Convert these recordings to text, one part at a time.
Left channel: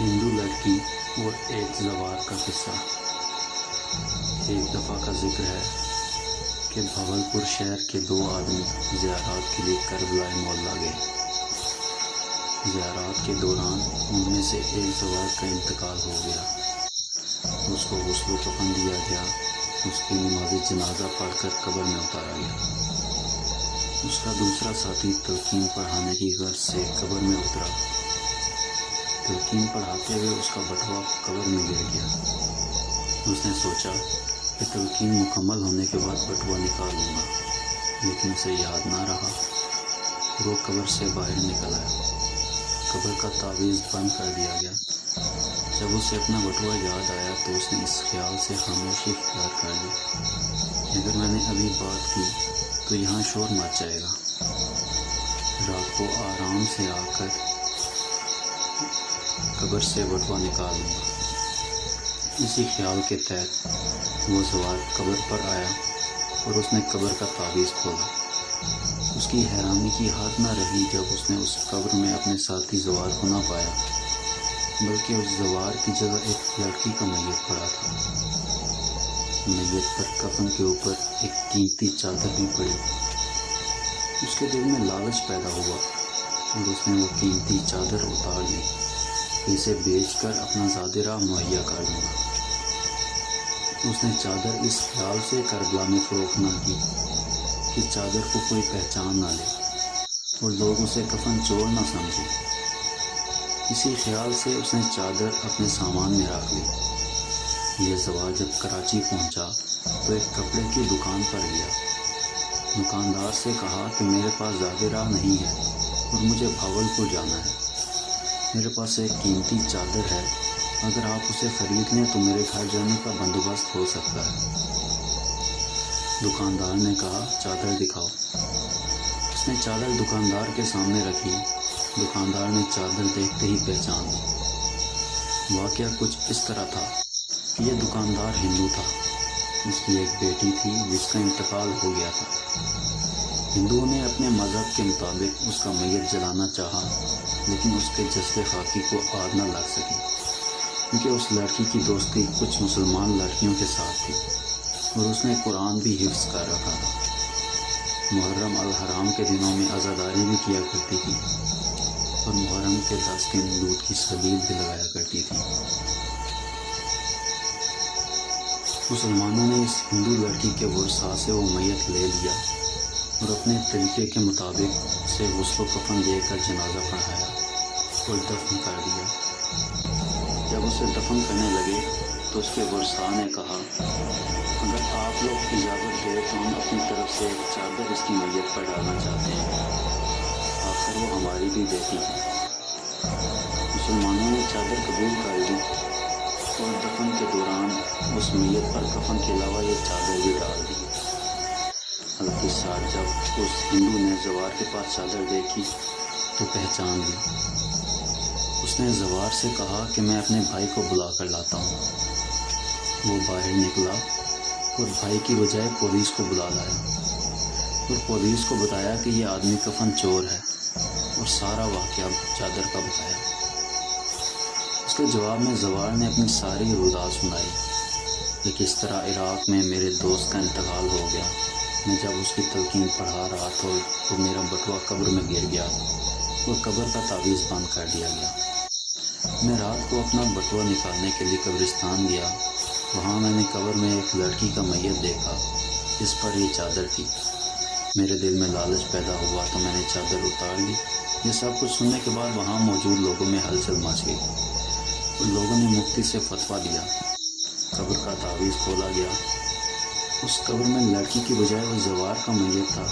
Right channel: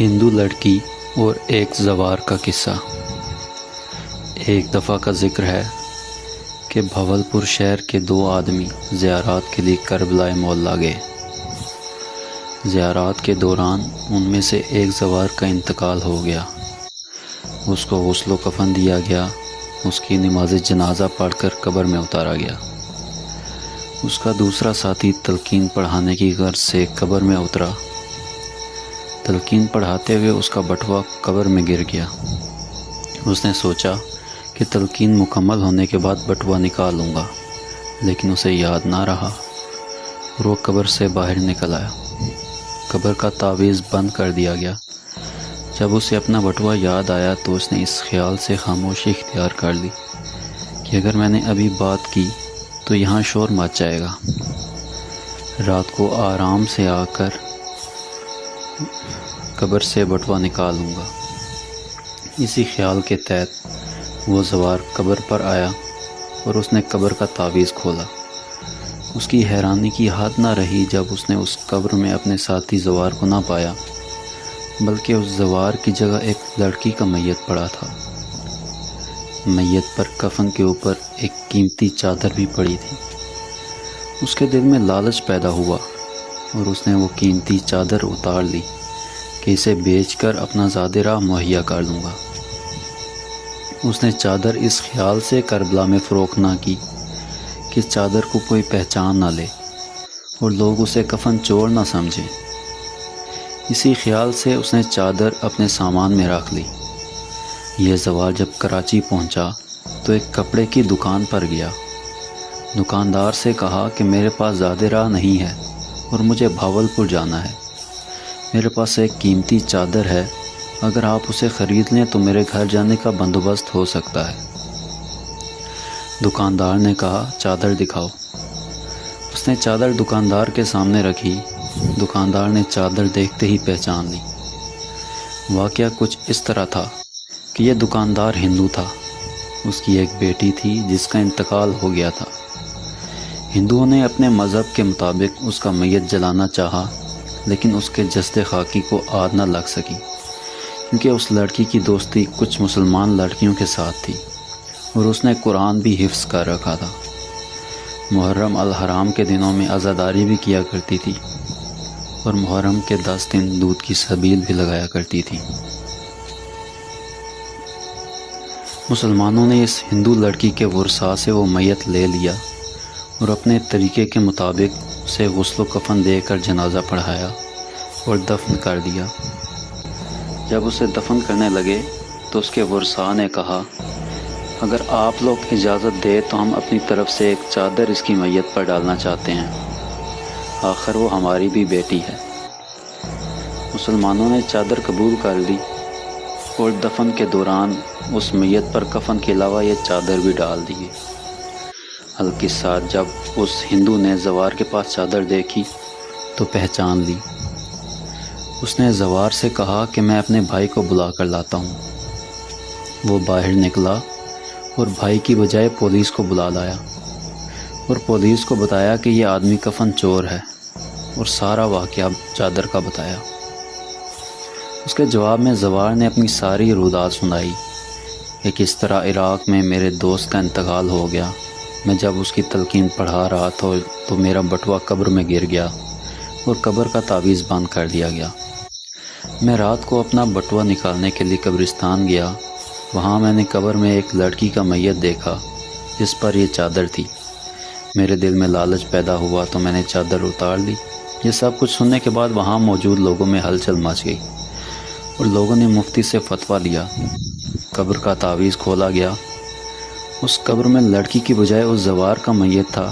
ہندو لڑکی اور ایک زوار کا قصہ۔ ایک دفعہ کا ذکر ہے کہ بھاولپور شہر کے دو آدمی زیارات کے لیے کربلا معلیٰ گئے۔ زیارات کے دوران ان میں سے ایک زوار کا انتقال ہو گیا۔ اس کو غسل و کفن دیا گیا، اس کی نماز جنازہ پڑھ کر قبر میں اتارا گیا۔ اس کا دوسرا ساتھی تلقین پڑھانے کی غرض سے قبر میں اترا۔ تلقین پڑھاتے ہوئے اس کا بٹوا قبر میں گر گیا۔ اس نے سوچا کہ تلقین مکمل ہونے کے بعد بٹوا نکالوں گا، لیکن اسے یاد نہ رہا اور وہ قبر سے باہر نکل آیا۔ قبر کا تعویذ بند کر دیا گیا۔ جب اسے اپنا بٹوا یاد آیا تو اس نے اس خیال سے خاموشی اختیار کر لی کہ اگر میں نے ابھی بات کی تو یہاں شور مچ جائے گا۔ رات کو آرام سے آ کر قبر سے بٹوا نکالوں گا۔ اسی خیال کے تحت وہ زوار قبر پر آیا اور اس نے قبر کا تعویذ کھولا۔ اس کی حیرانی کی حد نہ رہی جب اس نے اس قبر میں اپنے ساتھی زوار کو نہ پایا، بلکہ اس زوار کی جگہ ایک لڑکی کا میت پڑا تھا۔ میت پر کفن کے اوپر ایک قیمتی چادر بھی پڑی تھی۔ اس کے دل میں لالچ پیدا ہوا اور اس نے وہ قیمتی چادر اتار لی کہ اسے بیچ کر اپنا زاد راہ مہیا کر لوں گا۔ اس نے چادر اس خیال سے کربلا میں فروخت نہ کی کہ چادر کو کوئی پہچان نہ لے اور لوگ اسے کفن چور نہ سمجھیں۔ اسی خیال سے اس نے چادر اپنے سامان میں رکھ لی۔ یہ زوار جب کراچی پہنچا تو ایک کپڑے کی دکان پر گیا۔ دکاندار سے کہا کہ میرے پاس زاد راہ نہیں ہے اور مجھے بھاولپور جانا ہے۔ میرے پاس ایک قیمتی چادر ہے، اگر آپ اسے خرید لیں تو میرے گھر جانے کا بندوبست ہو سکتا ہے۔ دکاندار نے کہا چادر دکھاؤ۔ اس نے چادر دکاندار کے سامنے رکھی۔ دکاندار نے چادر دیکھتے ہی پہچان لی۔ واقعہ کچھ اس طرح تھا کہ یہ دکاندار ہندو تھا۔ اس کی ایک بیٹی تھی جس کا انتقال ہو گیا تھا۔ ہندوؤں نے اپنے مذہب کے مطابق اس کا میت جلانا چاہا، لیکن اس کے جسد خاکی کو آگ نہ لگ سکی، کیونکہ اس لڑکی کی دوستی کچھ مسلمان لڑکیوں کے ساتھ تھی اور اس نے قرآن بھی حفظ کر رکھا تھا۔ محرم الحرام کے دنوں میں عزاداری بھی کیا کرتی تھی اور محرم کے 10 دن دودھ کی سبیل بھی لگایا کرتی تھی۔ مسلمانوں نے اس ہندو لڑکی کے ورثاء سے وہ میت لے لیا اور اپنے طریقے کے مطابق اسے غسل و کفن دے کر جنازہ پڑھایا اور دفن کر دیا۔ جب اسے دفن کرنے لگے تو اس کے ورثاء نے کہا اگر آپ لوگ اجازت دے تو ہم اپنی طرف سے ایک چادر اس کی میت پر ڈالنا چاہتے ہیں، آخر وہ ہماری بھی بیٹی ہے۔ مسلمانوں نے چادر قبول کر لی اور دفن کے دوران اس میت پر کفن کے علاوہ یہ چادر بھی ڈال دی گئی۔ ہلکی ساتھ جب اس ہندو نے زوار کے پاس چادر دیکھی تو پہچان لی۔ اس نے زوار سے کہا کہ میں اپنے بھائی کو بلا کر لاتا ہوں۔ وہ باہر نکلا اور بھائی کی بجائے پولیس کو بلا لایا اور پولیس کو بتایا کہ یہ آدمی کفن چور ہے اور سارا واقعہ چادر کا بتایا۔ اس کے جواب میں زوار نے اپنی ساری روداد سنائی کہ کس طرح عراق میں میرے دوست کا انتقال ہو گیا۔ میں جب اس کی تلقین پڑھا رہا تھا تو میرا بٹوا قبر میں گر گیا اور قبر کا تعویذ بند کر دیا گیا۔ میں رات کو اپنا بٹوا نکالنے کے لیے قبرستان گیا۔ وہاں میں نے قبر میں ایک لڑکی کا میت دیکھا جس پر یہ چادر تھی۔ میرے دل میں لالچ پیدا ہوا تو میں نے چادر اتار لی۔ یہ سب کچھ سننے کے بعد وہاں موجود لوگوں میں ہلچل مچ گئی اور لوگوں نے مفتی سے فتویٰ لیا۔ قبر کا تعویذ کھولا گیا۔ اس قبر میں لڑکی کی بجائے اس زوار کا میت تھا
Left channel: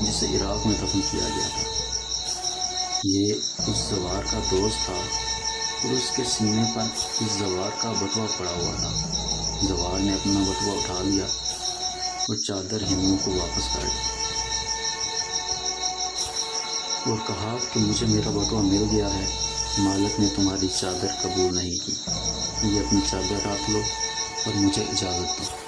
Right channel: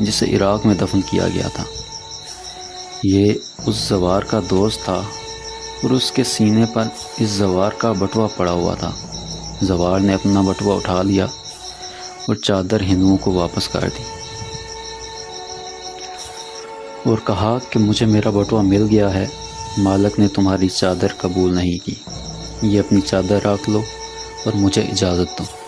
جسے عراق میں دفن کیا گیا تھا۔ یہ اس زوار کا دوست تھا اور اس کے سینے پر اس زوار کا بٹوا پڑا ہوا تھا۔ زوار نے اپنا بٹوا اٹھا لیا اور چادر ہندوؤں کو واپس کر دی اور کہا کہ مجھے میرا بٹوا مل گیا ہے، مالک نے تمہاری چادر قبول نہیں کی، یہ اپنی چادر رکھ لو اور مجھے اجازت دو۔